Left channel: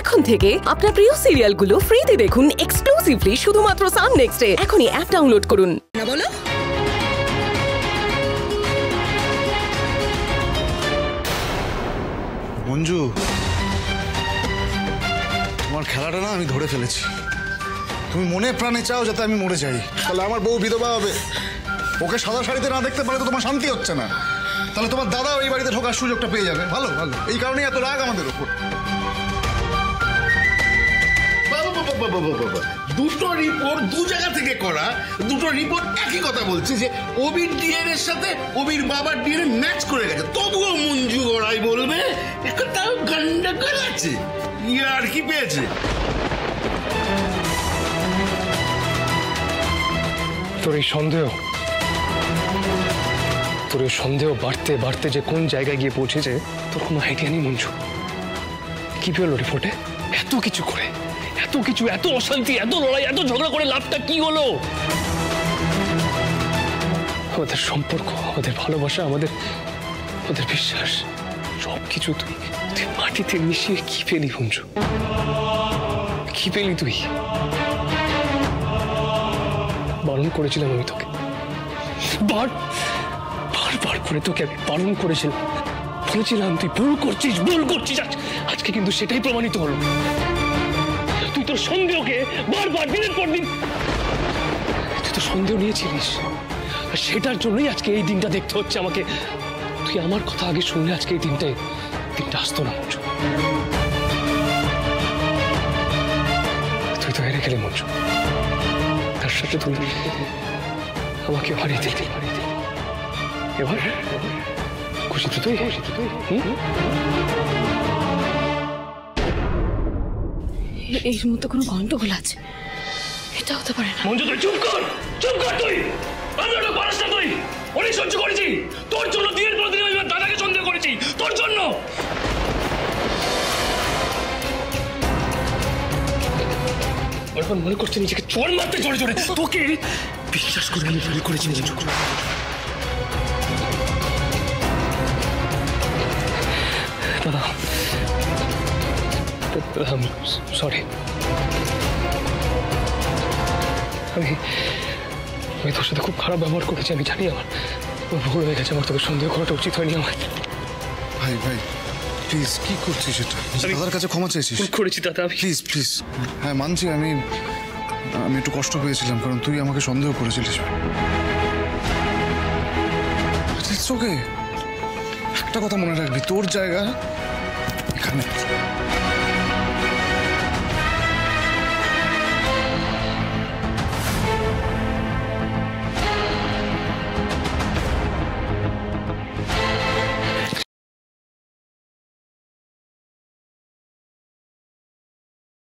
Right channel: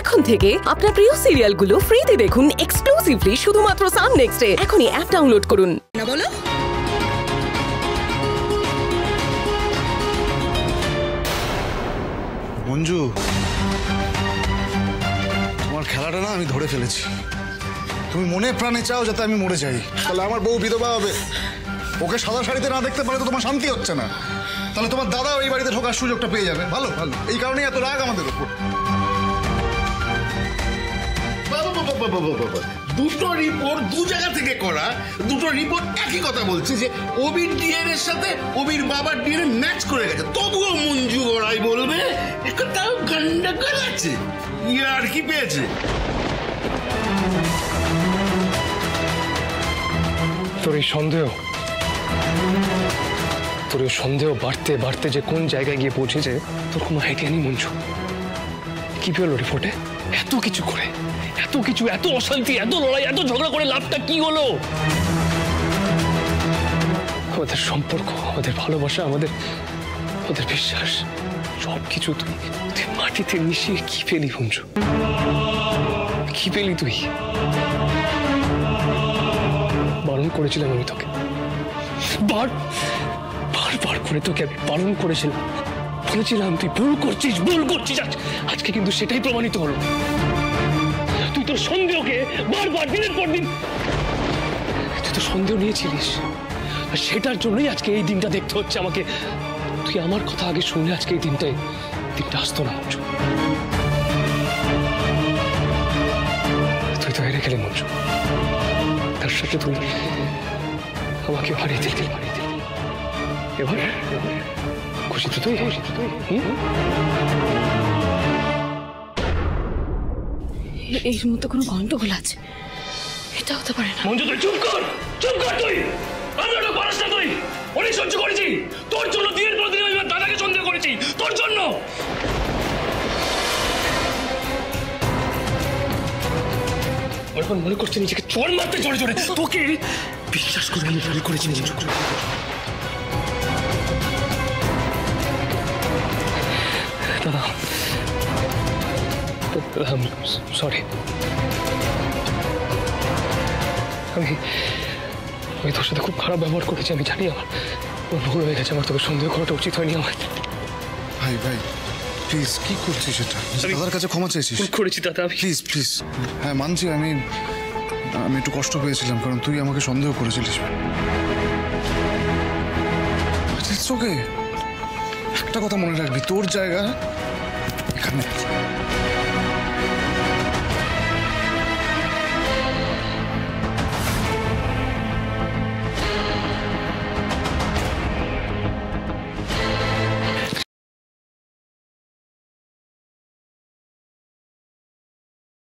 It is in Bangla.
এখন থেকে আপনার প্রিয় সিরিয়ালগুলো ফ্রিতে দেখুন এক্সক্লুসিভলি শুধুমাত্র সান নেক্সটে। এখনই অ্যাপ ডাউনলোড করুন। না বলো মঞ্জু, তোমার খেলাটা না আমি ধরে ফেলেছি। তুমি মনে প্রাণে চাও যাতে আমি মরে যাই, তাহলে আমার বউ বিধবা হবে। ওকে সাদা শাড়িতে না দেখতে পারে তো তোমার শান্তি হচ্ছে না, তাহলে তোমার দাদা এই বাড়িতে ঢোকার সুযোগটা পেয়ে যাবে। ভালো ভালো, এই কারণেই এত রাগ আমাদের ওপর। দুটো রিপোর্ট দু জায়গা থেকে করা, দুটো রিপোর্ট একই কথা বলছে যে অবির ডিএনএ এর সাথে অবির বাবার ডিএনএ ম্যাচ করে গেছে। তবুও মঞ্জু গড়াই বলবে তাও গন্ডগোল আছে, আর কি পেয়েছে। তোর এই সন্দেহ বাড়তে বাড়তে যে কোন জায়গায় গিয়ে পৌঁছেছে তোর কোনো আইডিয়া নেই মঞ্জু। কি পেলো রিপোর্টে? এত কিছু করে, এত কিছু, এত অশান্তি, এত লড়াই, এত ঝগড়া করে লাভটা কি হলো? আমাদের সম্পর্ক, আমাদের ভালোবাসা, আমাদের বিশ্বাস, সবকিছু তুই মাটিতে মিশিয়ে কি পেলি মঞ্জু? কি পেলি তুই? বারণ করেছিলাম আমি তোকে, বারবার করে তোকে আমি বারণ করেছিলাম, বলেছিলাম তুই ভুল করছিস। আজকে কিন্তু সেটাই প্রমাণিত হলো। তুই তোর সন্দেহকে বারবার দিনের পর দিন তুই তো সন্দেহ নিয়েছিলিস, আর সেটার জন্যই আজকে এই দিনটা দেখতে হচ্ছে আমাকে। তুই আমার কথা আগে শুনলে আজকে এই দিনটা আসতো না মঞ্জু। তুই তো হেরে গেলি মঞ্জু, তার সাথে তুই আমাকে হারিয়ে দিলি। এবার খুশি তো তুই? এর মধ্যে কোনো গন্ডগোল আছে, এটা হতে পারে না। মঞ্জু তুই চুপ কর তুই। আমি ওটা পারিস না তুই। অনেক সহ্য করেছি তোর জন্য, দিনের পর দিন আমি দাদাকে সন্দেহ করেছি তোর জন্য। এখন মনে করছি নিজেকে চোর মারতে জোরে জোরে, তোকে বিশ্বাস করে আমি ভুল করেছি মঞ্জু। দাদা সরি, আমি তোর সাথে খুব খারাপ ব্যবহার করেছি। আমি জানি আমার ভুল হয়ে গেছে, আমার তোকে সন্দেহ করাটা উচিত হয়নি আমার। ভাই প্লিজ, কি করছিস এটা? দাদার কাছে ক্ষমা চাইছিস? ভুল করেছি দাদা, প্লিজ। হ্যাঁ মানছি, আমি একটু কষ্ট পেয়েছিলাম কারণ তুই আমাকে সন্দেহ করেছিলিস। ওকে, একটা কথা মনে রাখবি, তোর জায়গা এখানে।